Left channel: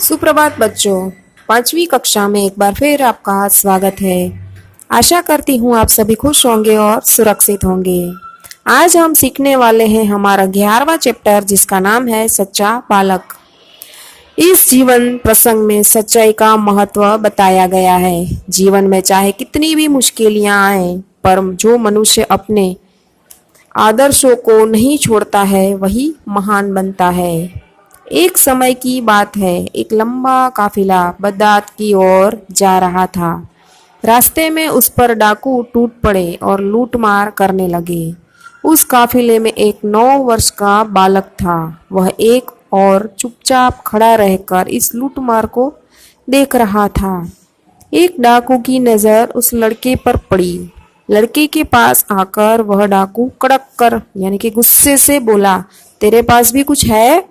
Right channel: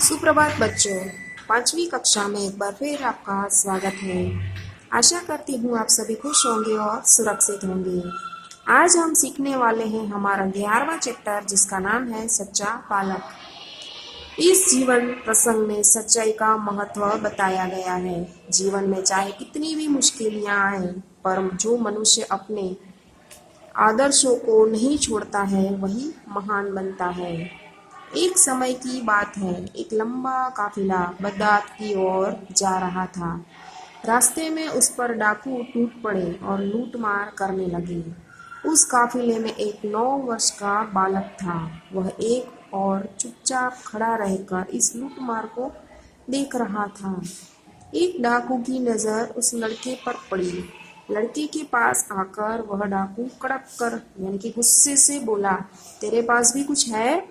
सुप्रभात बच्चों। 5वीं कक्षा में एक बार फिर आपका स्वागत है। आशा करती हूँ आप सभी खुश होंगे और सुरक्षित होंगे। आज हम सीखने वाले हैं हमारा 11वां चैप्टर, जिसका नाम है सच्चा बालक। इस जीवन प्रसंग में सच्चाई का महत्व बताया गया है। जीवन में चाहे कितनी भी मुश्किलें आए, पर जो मनुष्य अपने आदर्शों को नहीं छोड़ता है वही महान बनता है। एक समय की बात है, एक लंबा काफिला बगदाद की ओर जा रहा था। रास्ते में उस पर डाकू टूट पड़े और लूटमार करने लगे। उस काफिले में एक 9 वर्ष का बालक था। वह एक और चुपचाप खड़ा रहकर इस लूटमार को देख रहा था। एक डाकू की नज़र उस लड़के पर पड़ी। लड़के के पास आकर वह डाकू कड़क कर यानी कि गुस्से से बोला, तेरे पास भी कुछ है?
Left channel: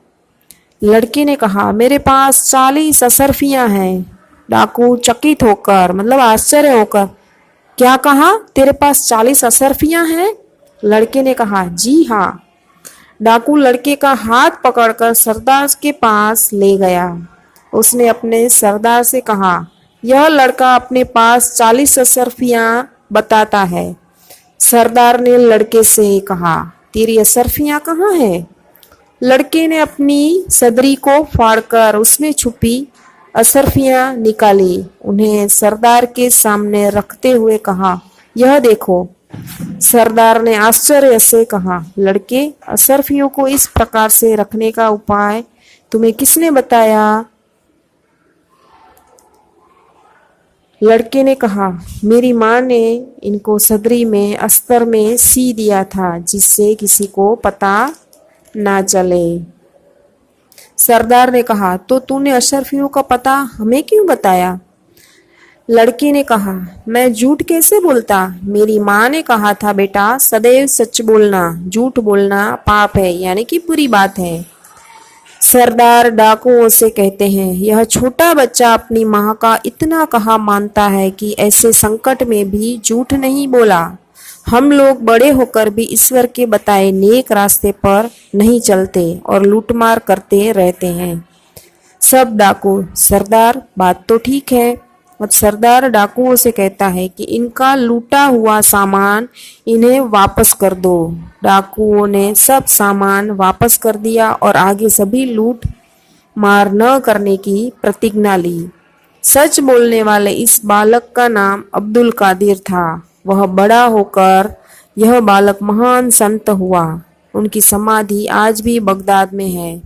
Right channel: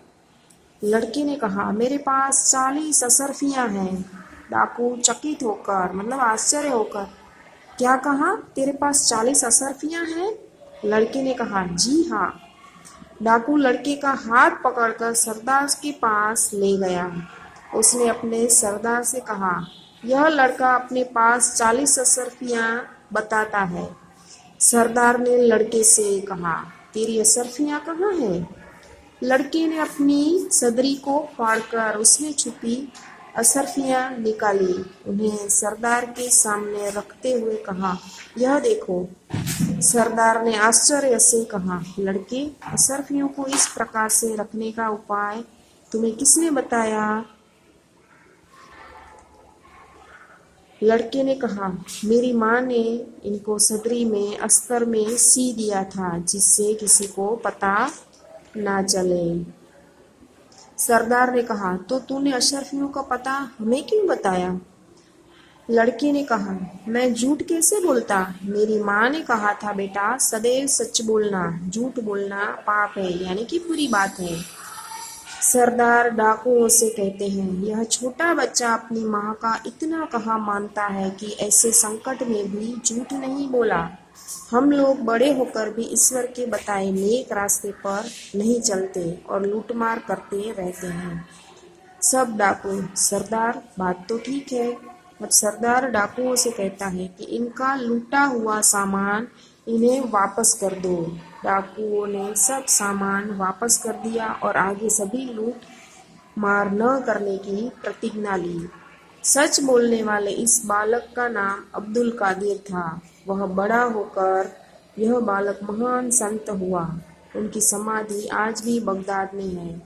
लड़के ने कहा, मेरे पास 40 असरफियां हैं। डाकू चकित होकर मतलब आश्चर्य होकर, क्या कहा? तेरे पास 40 असरफियां हैं? लड़के ने कहा, जी हाँ। डाकू लड़के का हाथ पकड़कर सरदार के पास ले गया। उसने अपने सरदार से कहा, यह लड़का अपने पास 40 असरफियां बताता है। सरदार ने लड़के से कहा, तेरी असरफियां कहाँ हैं? लड़के ने अपनी सदरी को फाड़कर उसमें छुपी असरफियां निकाली। उन्हें सरदार के सामने रखते हुए कहा, यह देखो। सरदार ने आश्चर्य से कहा, लड़के, असरफियों को इस प्रकार से रखने का उपाय तुम्हें किसने बताया? लड़के ने कहा, मेरी माँ ने इनको सदरी में अस्तर में सी दिया था, जिससे किसी को पता ना चले। सरदार ने कहा, तो तूने अशरफियों का पता हमें क्यों बताया? लड़की ने कहा, मैं झूठ कैसे बोलता? मेरी माँ ने कहा था, बेटा सदैव सच बोलना, झूठ बोलना पाप है यानी कि बुरी बात है। सरदार डाकुओं से कहते हैं, यह छोटा बच्चा अपनी माँ का इतना कहा मानता है कि ऐसे संकट में भी झूठ नहीं बोला। हम लोग बड़े होकर भी ईश्वर के बताए नेक रास्ते पर नहीं चलते और लूटमार करते रहते हैं। सब डाकू, सरदार बात तो ठीक है। अब सरदार डाकुओं से कहता है कि इनका लूटा हुआ सामान इन्हें वापस कर दो। डाकुओं ने सब सामान वापस कर दिया और आगे सभी लूट मार न करने की प्रतिज्ञा ली। सच बोलने वाले इस बालक का नाम अब्दुल कादिर था। वह बड़ा होकर यह बालक महान संत हुआ। उनकी समाधि आज भी बगदाद में है।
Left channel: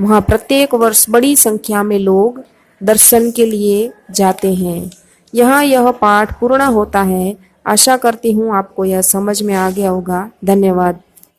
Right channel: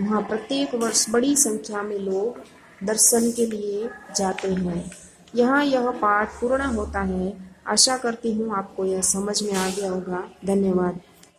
वहाँ प्रत्येक वर्ष बड़ी संख्या में लोग दर्शन के लिए जाते हैं। यहाँ यह पाठ पूर्ण होता है। आशा करती हूँ आपको यह समझ में आ गया होगा। धन्यवाद।